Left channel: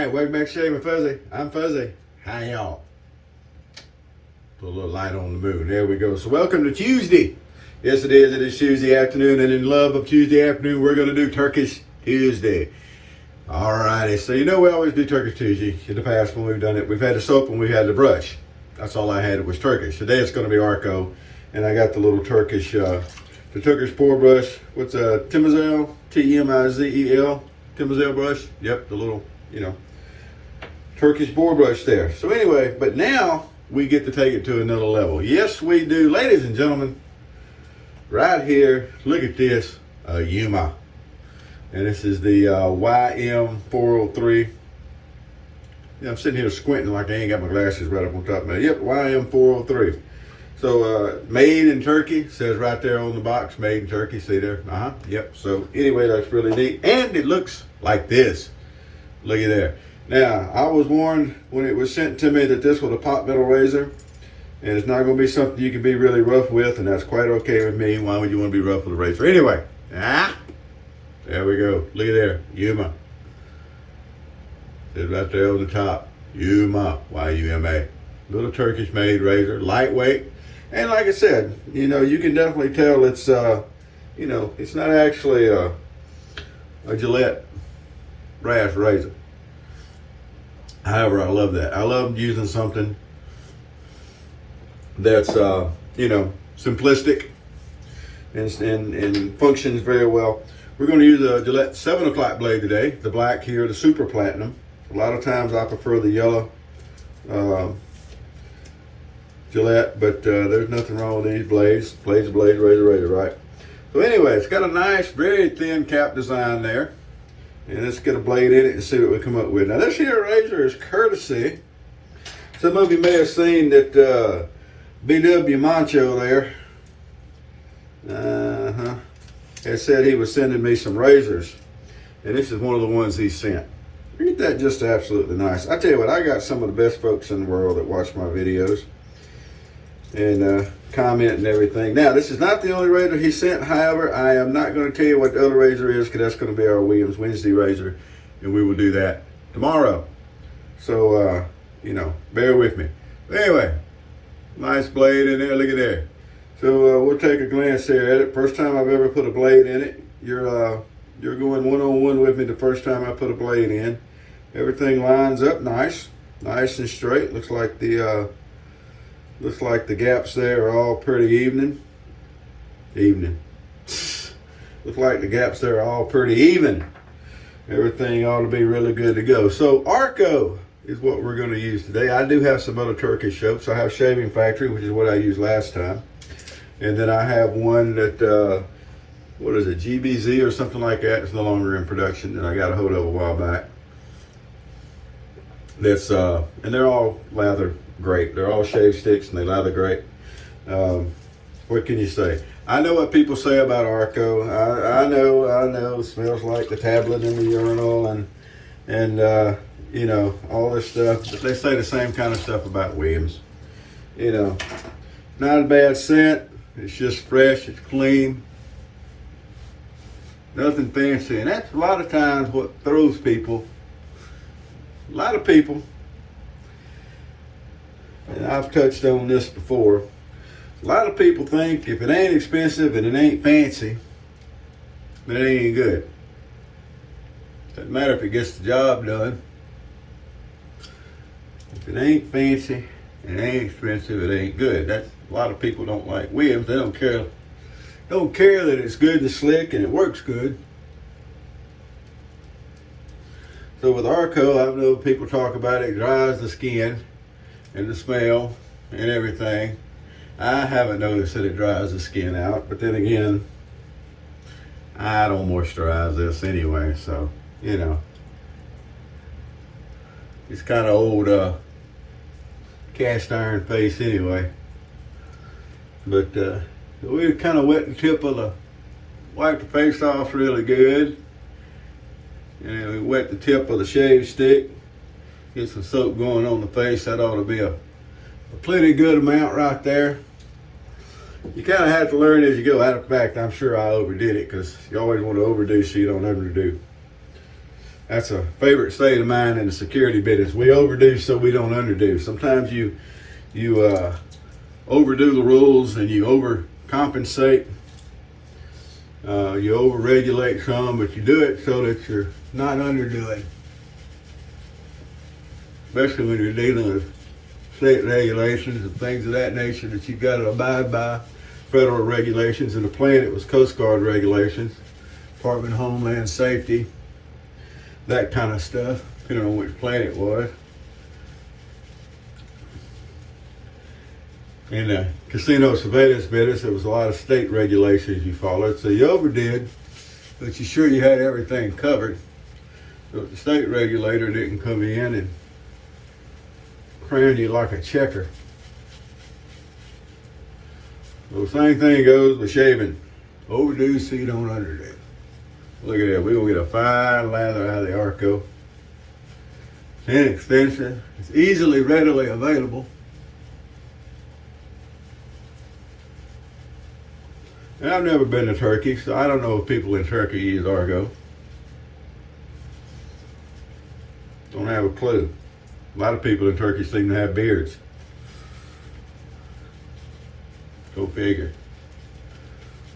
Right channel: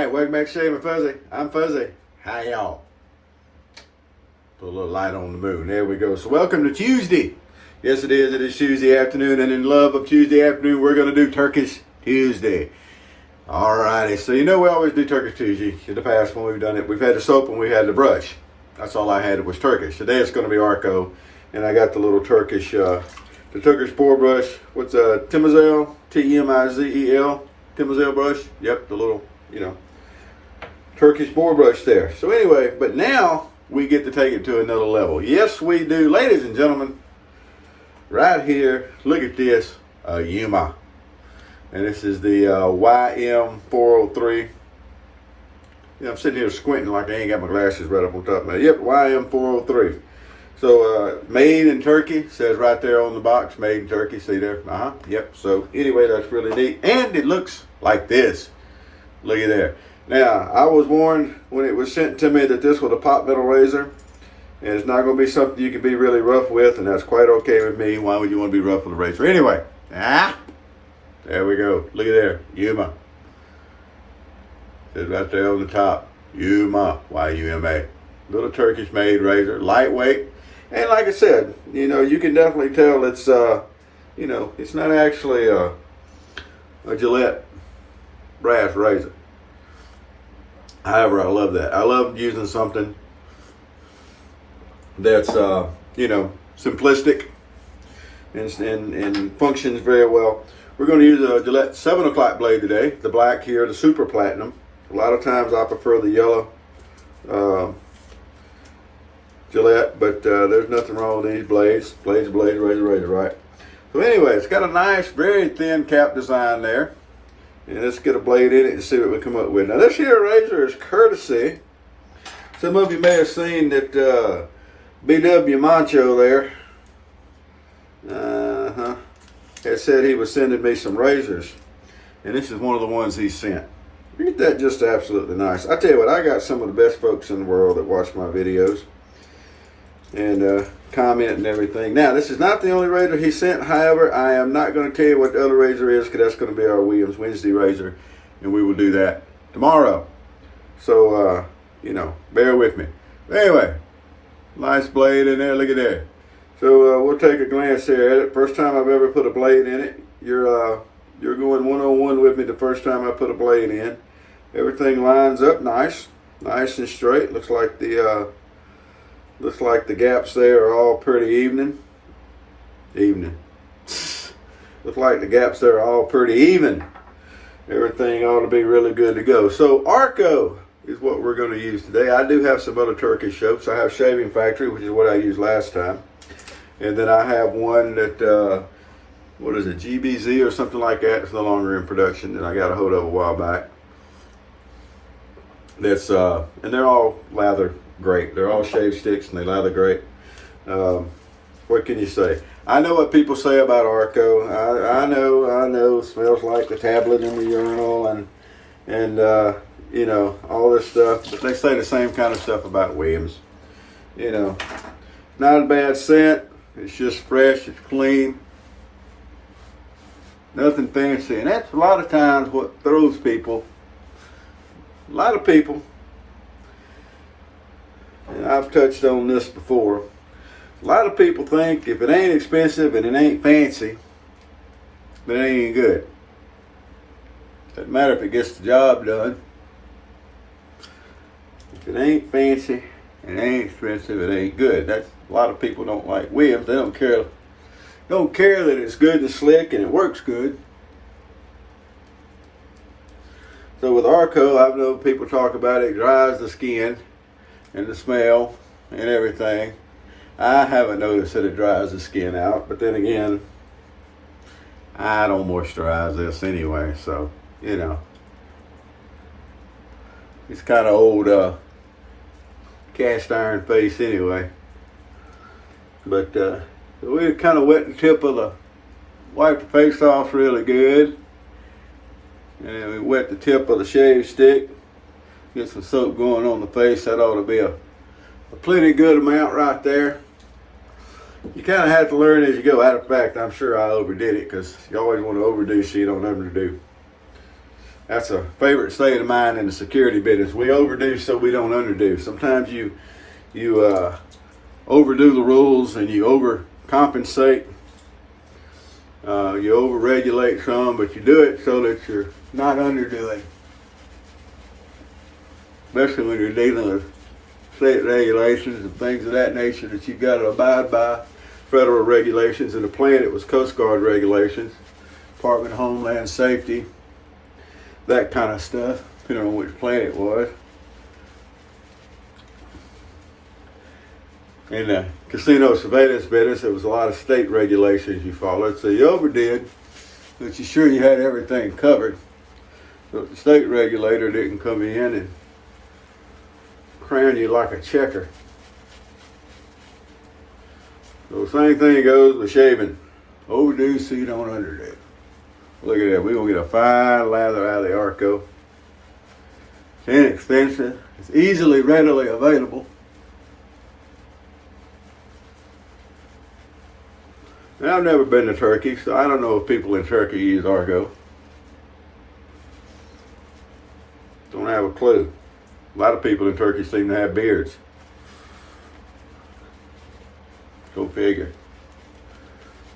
Alright, welcome back to Shaving Fuzzy. I'm Fuzzy. Hi y'all. Put a little light on the moon. There we go. So welcome to Tuesday. Yes it is. It is Tuesday afternoon, and in love of Tuesday afternoon, we're going to do Turkish Tuesday. Alrighty, so you know we always do Turkish Tuesday. In the past when we've done it, we've had the soap and we had the brush. That's all I had was Turkish. Today it's going to be ARKO, and I got the little Turkish, the Turkish boar brush. What's Timizel? T-M-I-Z-E-L. Timizel brush. Yep, the little, Turkish boar brush there. So anyway, but now we get to take it to another level. Yes, we do. Ladies and gentlemen, right here, look at this, Yuma. And this is the YM403. I'm sitting here squinting like I ain't got my glasses right up on top of me. Yep, YM403. So made in Turkey, says right there on the box, made in Turkey. See there? Yep. So anyway, that's really neat. And it looks like this. Look at there. Now, I was warned when it was sent to me that this was a pot metal razor. And it's not going to be something you can be really rough with, and that's quite okay with me. Why would you want to be rough with a razor? Anyway, there we go. Look at there, Yuma. Says right there on the top, Yuma, Y-U-M-A. Little Turkish made razor, lightweight. And like I said, you can definitely tell it's, it's not actually a Gillette brass razor. However, I love that. I love using something that's, simplistic and functions very well. We're going to use a Gillette 7 o'clock blade today. The black here, the super platinum. A lot of times I prefer the yellow Gillette, but there's nothing wrong with these blades. Blades are blades, razor, right? So anyway, it's got a nice, very thin cap design there. And let's get a blade in it to see what we come up with. Now this here razor is courtesy. Some of you may have seen that bwmacho there has said he was sending me some razors. And this is one of the ones he sent. Ain't that just absolutely nice? I tell you what, I got some of the best folks in the world that watch my videos and comment and everything. Now, this is not the only razor he sent. However, I am not going to tell you what the other razor is, because that's going to be our Williams Wednesday razor, and we will do that tomorrow. So, bear with me. But anyway, nice blade in there. Look at there. So we'll take a glance there at it. First time I've ever put a blade in it. You're going one-on-one with me the first time I put a blade in. Everything lines up nice and straight. Looks like the gaps there are all pretty even. Looks like the gaps there are all pretty even. Everything ought to be really good to go. So ARKO is what we're going to use today. I do have some other Turkish soaps. I have Shaving Factory, which is what I used last time. And then I have one that, what is it, GBZ or something like that. It's no longer in production, and I got a hold of a while back. That's, and they're all lather great. They're all shave sticks and they lather great. What can you say? I know what people say about ARKO. I know, smells like the tablet in the urinal and all this stuff. But they say the same kind of stuff about Williams. Not a bad scent. It's just fresh, it's clean. Nothing fancy. And that's a lot of times what throws people. A lot of people, and I've touched on this before, a lot of people think if it ain't expensive and it ain't fancy, then it ain't good. Doesn't matter if it gets the job done. If it ain't fancy and it ain't expensive, it ain't good. That's a lot of people don't like Williams. They don't care that it's good and slick and it works good. So with ARKO, I know people talk about it dries the skin and the smell and everything. I haven't noticed that it dries the skin out, but then again, I don't moisturize this anyway, so, it's kind of old cast iron face anyway. But we kind of wet the tip of the, wipe the face off really good. And then we wet the tip of the shave stick. Get some soap going on the face. That ought to be a plenty good amount right there. You kind of have to learn as you go. Out of fact, I'm sure I overdid it because you always want to overdo so you don't have to do. That's a favorite saying of mine in the security business. We overdo so we don't underdo. Sometimes you overdo the rules and you overcompensate. You overregulate some, but you do it so that you're not underdoing. Especially when you're dealing with state regulations and things of that nature that you got to abide by. Federal regulations. In the plane, it was Coast Guard regulations, Department of Homeland Safety, that kind of stuff, depending on which plane it was. In the casino surveillance business, there was a lot of state regulations you followed, so you overdid, but you sure you had everything covered. So the state regulator didn't come in and crown you like a checker. So the same thing goes with shaving. Overdo so you don't underdo. Look at that. We will get a fine lather out of the ARKO. It's inexpensive. It's easily, readily available. Now, I've never been to Turkey, so I don't know if people in Turkey use ARKO. Don't have a clue. A lot of people in Turkey seem to have beards. Go figure.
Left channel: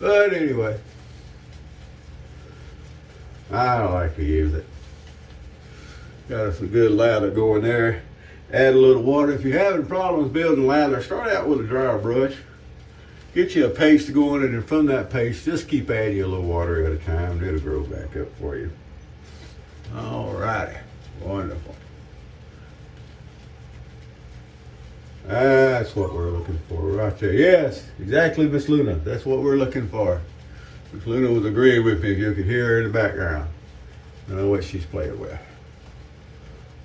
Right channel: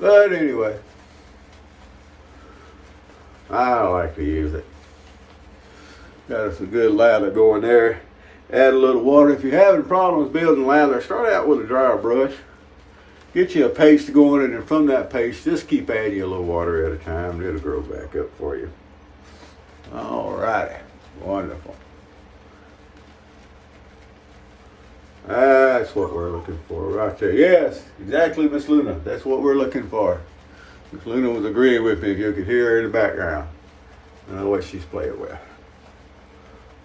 But anyway, I like to use it. Got us a good lather going there. Add a little water. If you're having problems building lather, start out with a dryer brush. Get you a paste going, and then from that paste, just keep adding a little water at a time. It'll grow back up for you. All right. Wonderful. That's what we're looking for right there. Yes, exactly, Miss Luna. That's what we're looking for. Miss Luna was agreeing with me, if you could hear her in the background. I don't know what she's playing with.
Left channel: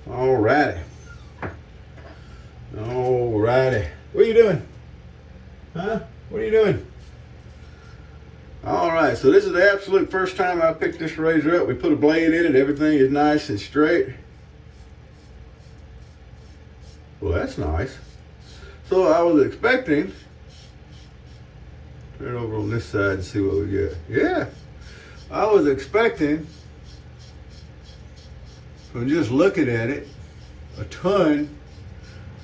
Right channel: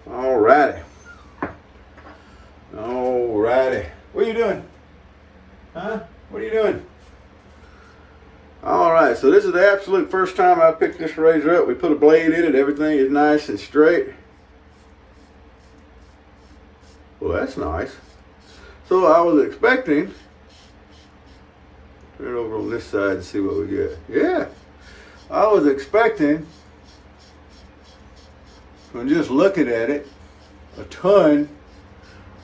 All righty. All righty. What are you doing? Huh? What are you doing? All right, so this is the absolute first time I picked this razor up. We put a blade in it. Everything is nice and straight. Well, that's nice. So I was expecting, turn over on this side and see what we get. Yeah, I was expecting, from just looking at it, a ton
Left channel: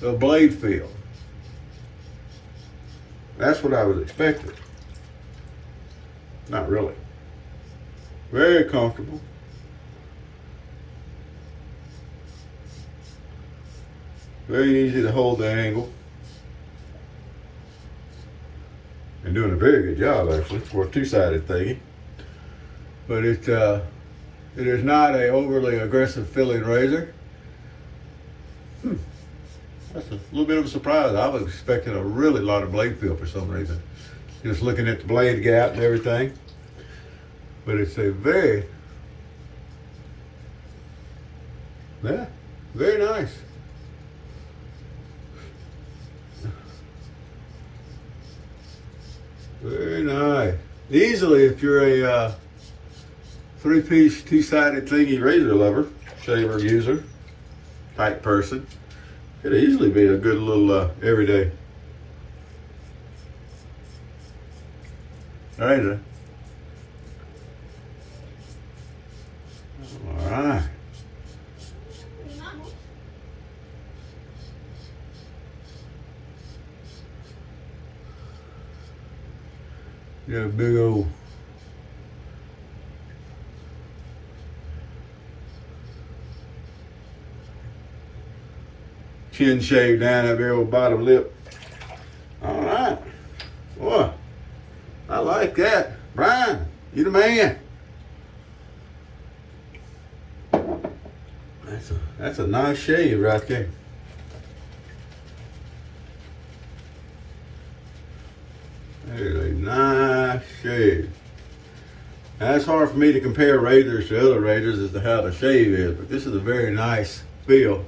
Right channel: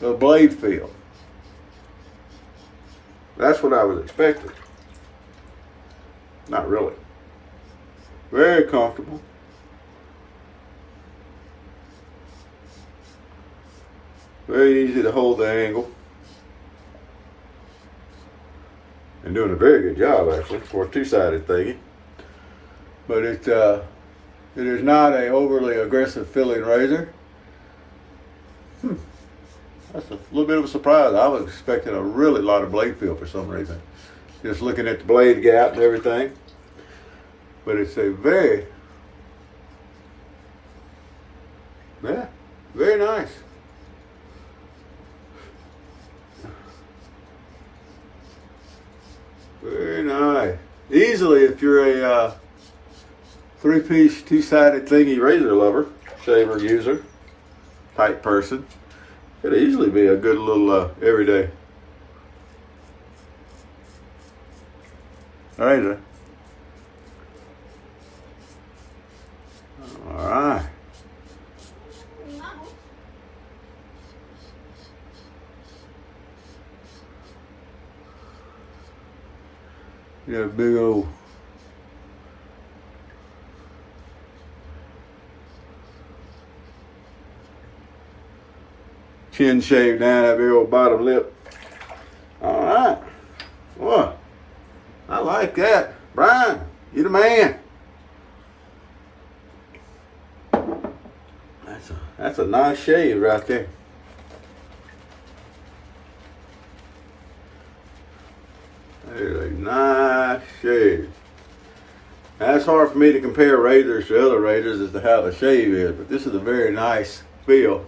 of blade feel. That's what I was expecting. Not really. Very comfortable. Very easy to hold the angle. And doing a very good job, actually, for a two-sided thingy. But it is not a overly aggressive filling razor. That's a little bit of a surprise. I was expecting a really lot of blade feel for some reason. Just looking at the blade gap and everything. But it's a very nice. Very nice. Easily, if you're a three-piece, two-sided thingy razor lover, shaver user, type person, could easily be a good little everyday razor. All right. You got a big old chin shave down that big old bottom lip. All right. Boy, I like that. Brian, you the man. That's a nice shave right there. There's a nice shave. Now, it's hard for me to compare razors to other razors as to how the shave is, but this is a very nice feel.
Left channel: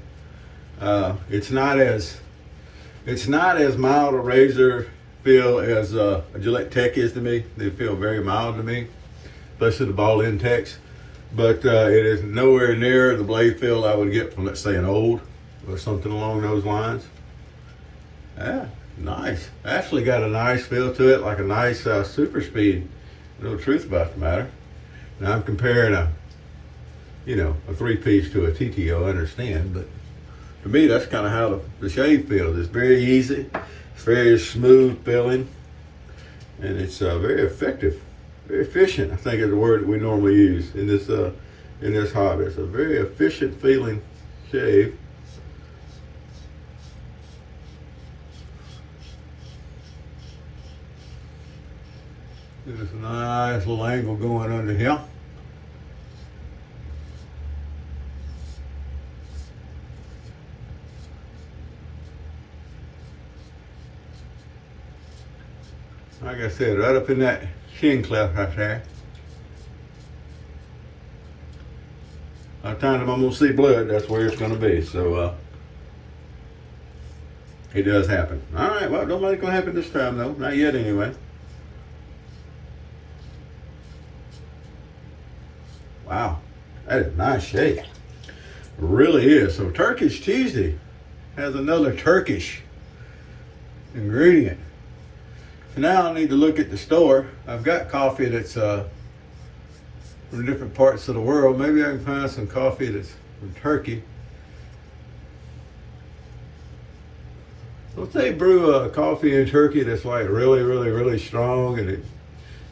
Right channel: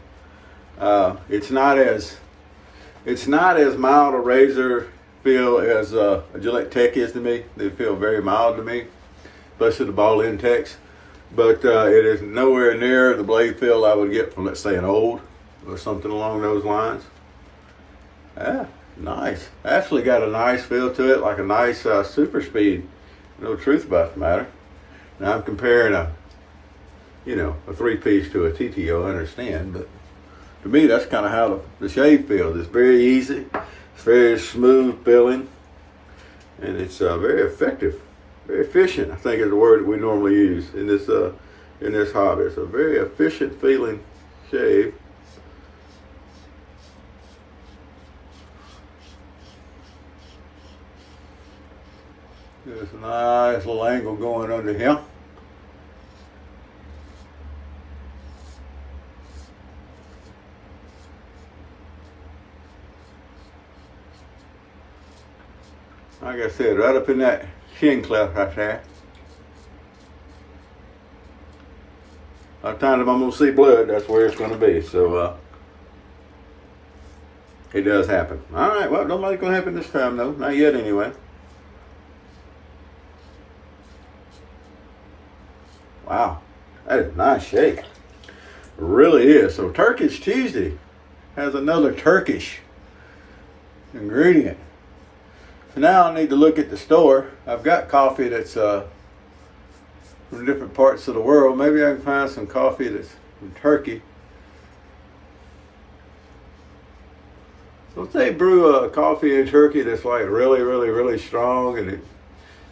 It's not as mild a razor feel as a Gillette Tech is to me. They feel very mild to me, especially the ball end techs. But it is nowhere near the blade feel I would get from, let's say, an old or something along those lines. Yeah, nice. Actually got a nice feel to it, like a nice super speed. No truth about the matter. Now I'm comparing a you know, a 3-piece to a TTO, I understand, but to me, that's kind of how the shave feels. It's very easy, it's very smooth feeling, and it's very effective, very efficient, I think is the word that we normally use in this hobby. It's a very efficient feeling shave. There's a nice little angle going under here. Like I said, right up in that chin cleft right there. By the time I'm gonna see blood, that's where it's gonna be. So it does happen. All right, well, don't think it's gonna happen this time though. Not yet, anyway. Wow, that is a nice shave. It really is. So Turkish Tuesday has another Turkish ingredient. So now I need to look at the store. I've got coffee that's from different parts of the world. Maybe I can find some coffee that's from Turkey. Let's say brew a coffee in Turkey that's like really, really, really strong, and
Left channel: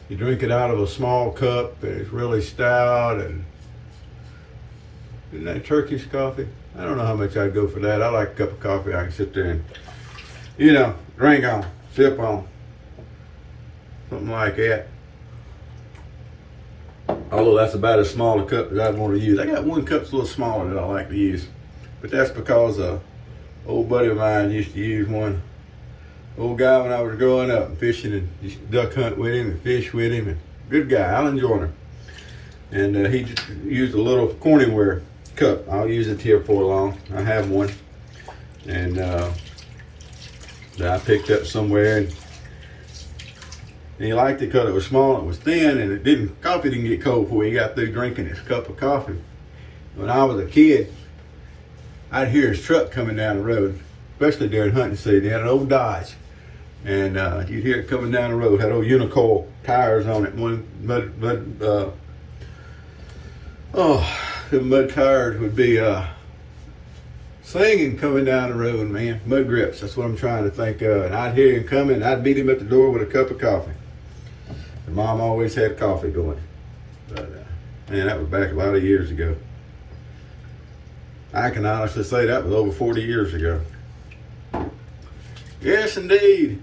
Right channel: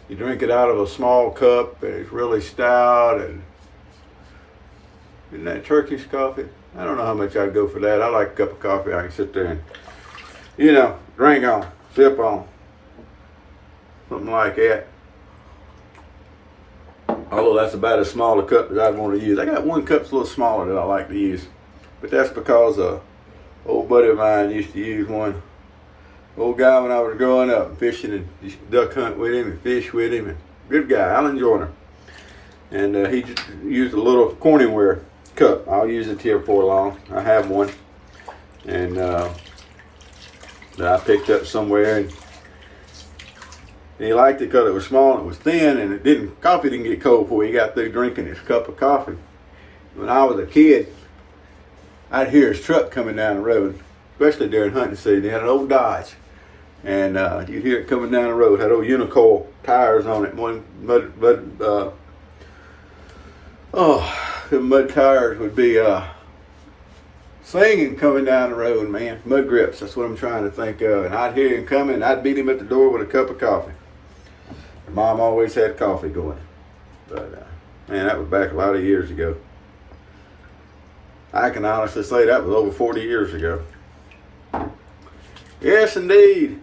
you drink it out of a small cup, and it's really stout, and isn't that Turkish coffee? I don't know how much I'd go for that. I like a cup of coffee I can sit there and, you know, drink on, sip on. Something like that. Although that's about as small a cup that I'd want to use. I got one cup that's a little smaller that I like to use. But that's because an old buddy of mine used to use one. Old guy when I was growing up, fishing and duck hunt with him and fish with him. And good guy, Alan Joyner. And he just used a little Corningware cup. I'll use it here for long. I have one. And that I picked up somewhere. And he liked it because it was small, it was thin, and coffee didn't get cold before he got through drinking his cup of coffee. When I was a kid, I'd hear his truck coming down the road, especially during hunting season. He had an old Dodge, and you'd hear it coming down the road. Had old Unicoil tires on it. The mud tires would be singing coming down the road, man. Mud grips, that's what I'm trying to think of. And I'd hear him coming, and I'd meet him at the door with a cup of coffee. Mom always had coffee going. But, man, that was back a lot of years ago. I can honestly say that was over 40 years ago. Yes, indeed.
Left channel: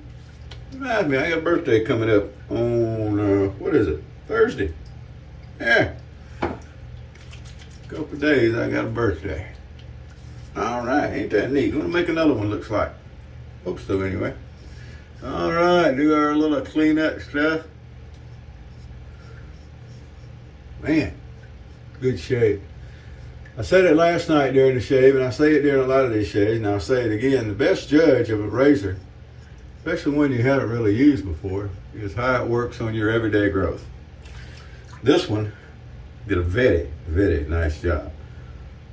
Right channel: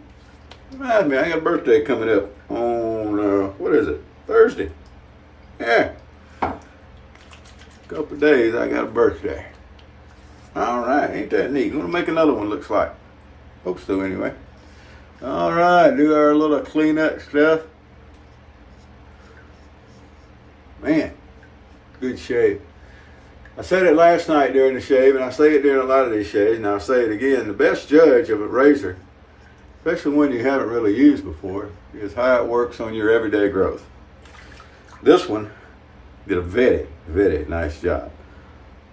Remind me, I got a birthday coming up on, what is it? Thursday. Yeah. Couple of days, I got a birthday. All right, ain't that neat? We're gonna make another one, looks like. Hope so, anyway. All right, do our little cleanup stuff. Man, good shave. I said it last night during the shave, and I say it during a lot of these shaves, and I'll say it again. The best judge of a razor, especially one you haven't really used before, is how it works on your everyday growth. This one did a very, very nice job.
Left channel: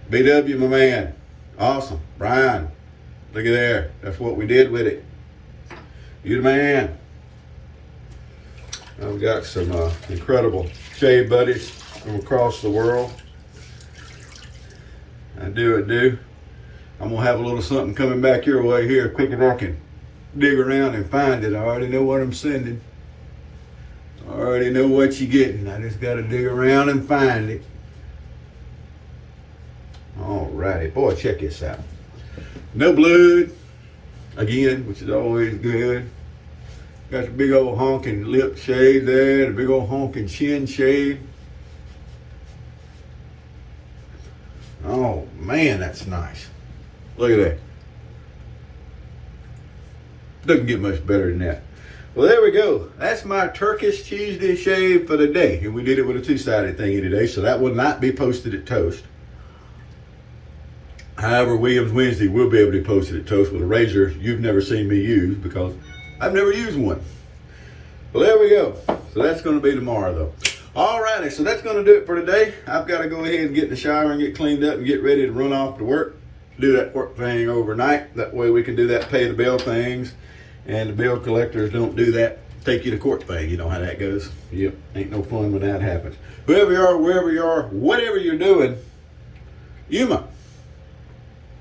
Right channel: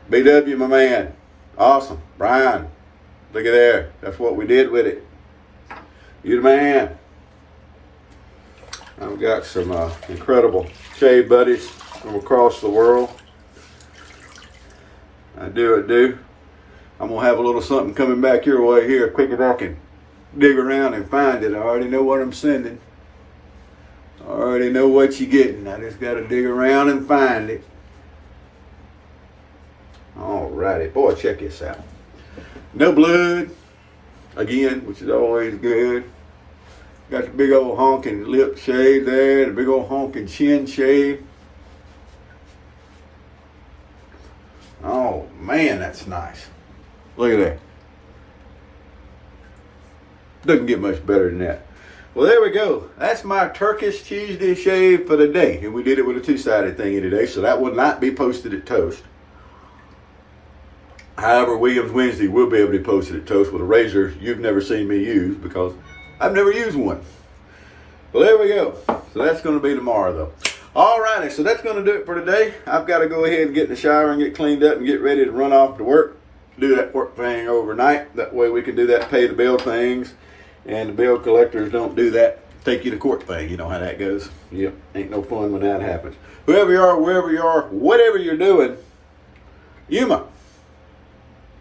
BW, my man. Awesome. Brian, look at there. That's what we did with it. You the man. I've got some incredible shave buddies from across the world. I do. I'm going to have a little something coming back your way here quick as I can dig around and find it. I already know what I'm sending. I already know what you're getting. I just got to dig around and find it. Alrighty, boy, check this out. No blood, again, which is always good. Got the big old honking lip shade there, the big old honking chin shade. Oh man, that's nice. Look at that. Doesn't get much better than that. Well, there we go. That's my Turkish Tuesday shave for the day. And we did it with a two-sided thingy today, so that will not be posted at Toast. However, Williams Wednesday will be able to post it at Toast with a razor you've never seen me use because I've never used one. Well, there we go. So that's going to be tomorrow, though. Alrighty, so that's going to do it for today. I've got to go ahead and get in the shower and get cleaned up and get ready to run off to work. Do that work thing overnight. That way we can do that pay the bill things. And the bill collectors don't do that take you to court thing. You know how that goes. Yep, ain't no fun when that happens. Whoever you are, wherever you are, whatever you're doing, Yuma.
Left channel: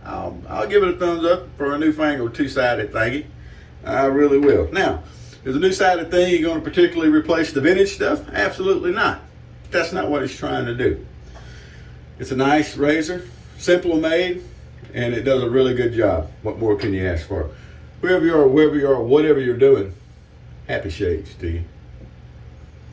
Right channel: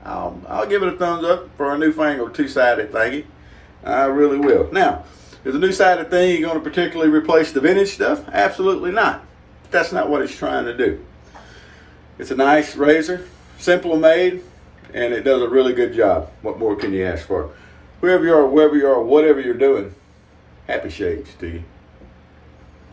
I'll give it a thumbs up for our newfangled two-sided thingy. I really will. Now, is the two-sided thing going to particularly replace the vintage stuff? Absolutely not. That's not what it's trying to do. It's a nice razor, simple made, and it does a really good job. What more can you ask for? Whoever you are, wherever you are, whatever you're doing, happy shades to you.